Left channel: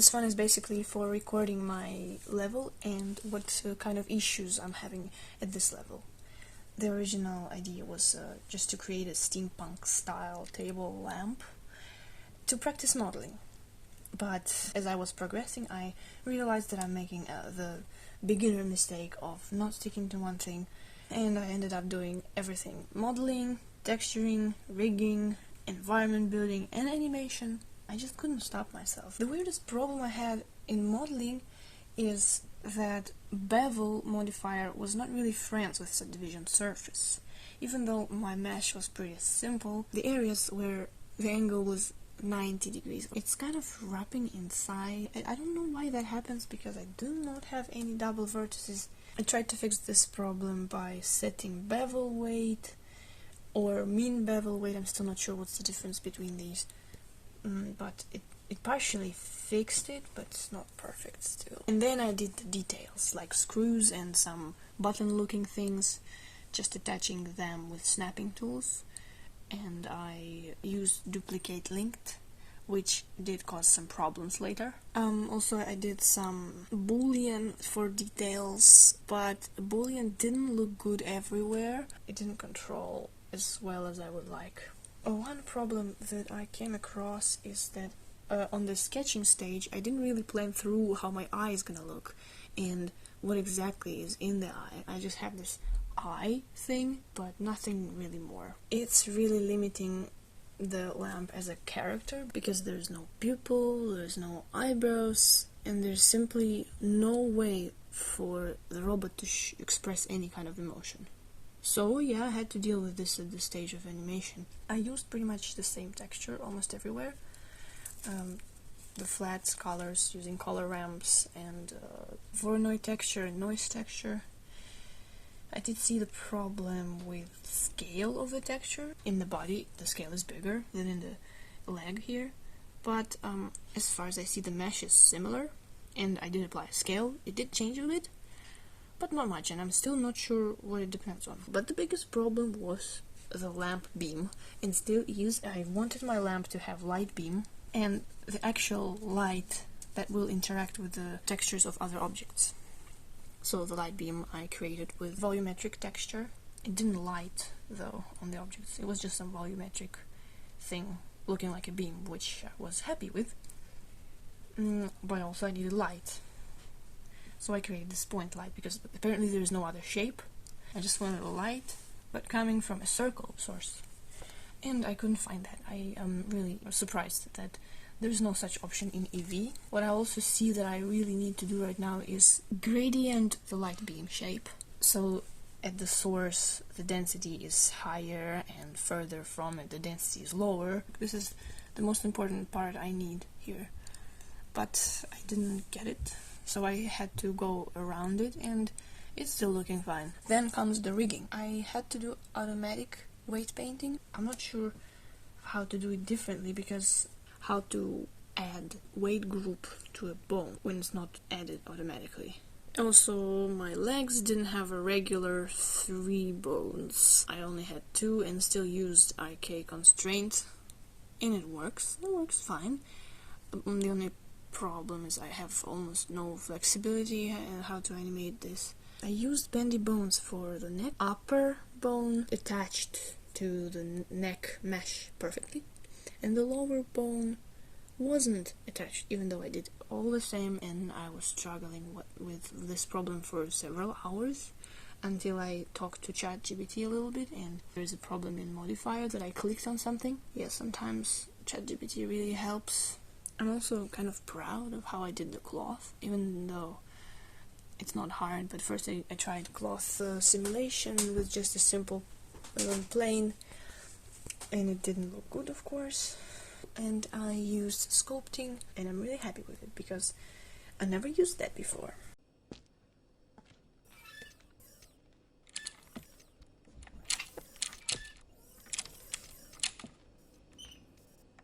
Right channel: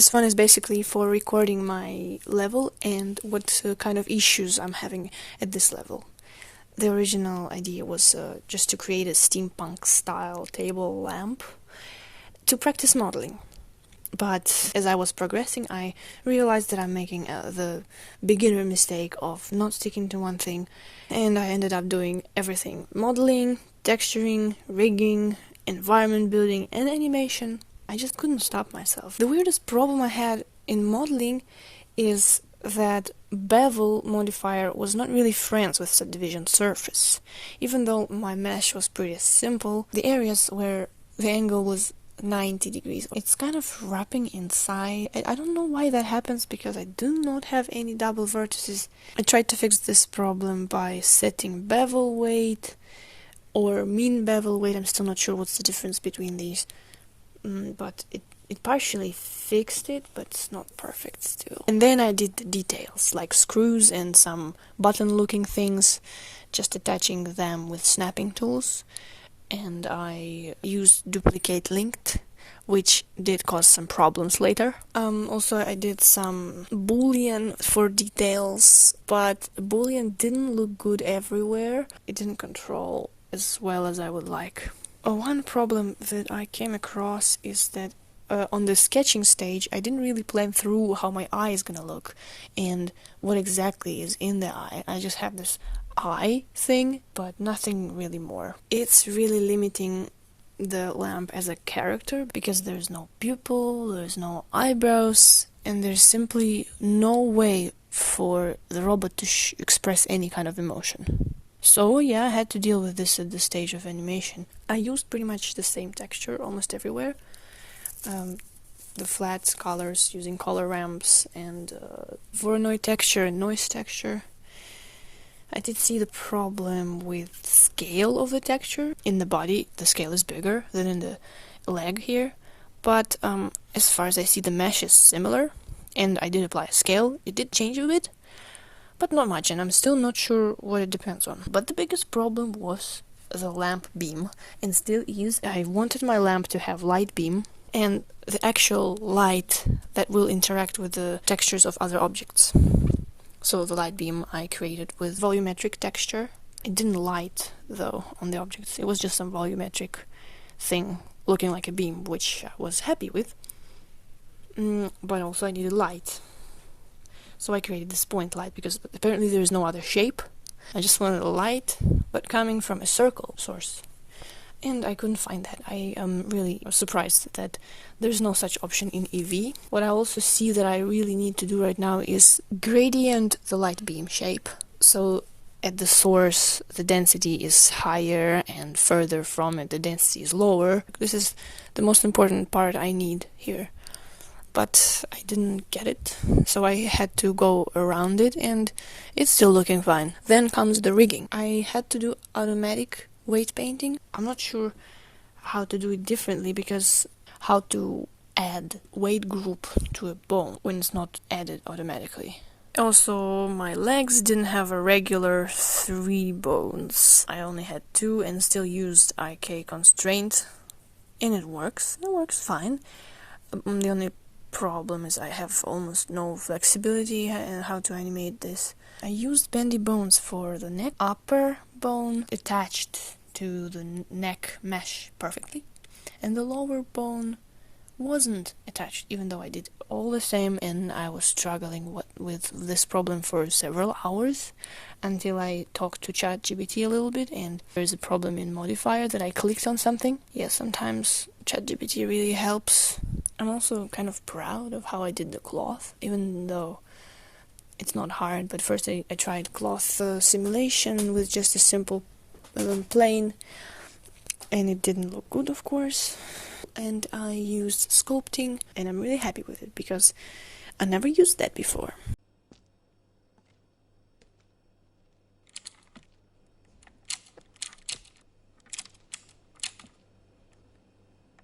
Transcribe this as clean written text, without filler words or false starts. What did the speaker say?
This one is basically for recording my level and what kind of issues I'm having at this level. The original idea was just to create a steampunk style table lamp to practice modeling. But as I was progressing, I realized that I'm making the beginner mistake of not sticking to one thing, and I ended up doing everything: modeling, texturing, rigging, environment building, and animation. I just couldn't stop myself. The weirdest problem I had in modeling is that bevel modifier was not really friends with subdivision surface. Even though my mesh was pretty simple, the areas where the angle was 90 degrees, it's kind of wrapping inside. I don't know why that happens, because I do not have any double vertices. I tried to fix this problem by setting bevel weight or mean bevel weight. I'm still not sure what's the difference between these, but it partially fixed it, but it's not perfect still. And then I did the details, like screws and some button-looking things, just attaching them with snapping tools. And I used duplicate linked, which did cause some problems later. Also, I did some boolean for details, but boolean didn't look good everywhere. It didn't control as well as I would like. One problem that I came across is that on the sketching stage, I didn't really plan through how my eye is gonna look and what exactly is in the eye. I just have this eye thing, but nothing really more. It's really limiting the lamp as a character, because there's no pupil, there's no eyebrows, and there's simply no way for the robot to express any kind of emotion. So yeah, I had to deal with this at this stage of animation. I used pretty much the same texture almost everywhere. The flat colors using color ramps and Voronoi texture and noise texture. I did see the problem with scale of the texture. In the body, the scale is bigger than in the leg here, but as far as I see, the mesh is similar, and I did apply a scale. It did change a bit, but not much, and I'm still not sure what it depends on. But the biggest problem was the lamp beam, and still is. I wanted my lamp to have light beam, and the actual light that will interact with the textures of other objects. So the light beam I created with volumetric texture. It didn't light, though, on the objects. It was just some volumetric thing looking like a beam, which I was happy with. But also I needed light. So I created this point light, because apparently there is no other shape. I just wanted a light, but coming from a circle source. And I couldn't find that. I am really surprised that there's no such option in Eevee. What I also see that I really need to do right now is gradient the light beam shape. So at the source, the density is higher, and further from it, the density is lower. This is the most important part I need here. But I didn't get it, so I had to go around it, and it's still looking fine. Then comes the rigging. I had to do automatic weight painting. I'm not sure how to do it differently, because how to add weight group to a bone when it's not added automatically. Also, my legs didn't have a regular 3 bones. I only had 2 and still used IK constraint, and it works fine. The only problem is I have almost no flexibility in how to animate this. I used bendy bones for the neck. Upper bone attached to the neck mesh perfectly, and the lower bone wasn't attached, even though I did all the same, and I was struggling with this problem for several hours until I talked to ChatGPT a little bit, and there's a problem in modifier that I clicked on something. Yeah, sometimes ChatGPT really helps. I'm also kind of proud of how I did the cloth, even though it's not hard. But first I tried cloth simulation with just a simple plane, and it didn't look good, of course. And I used sculpting, and I'm really happy with it, because I never used that before.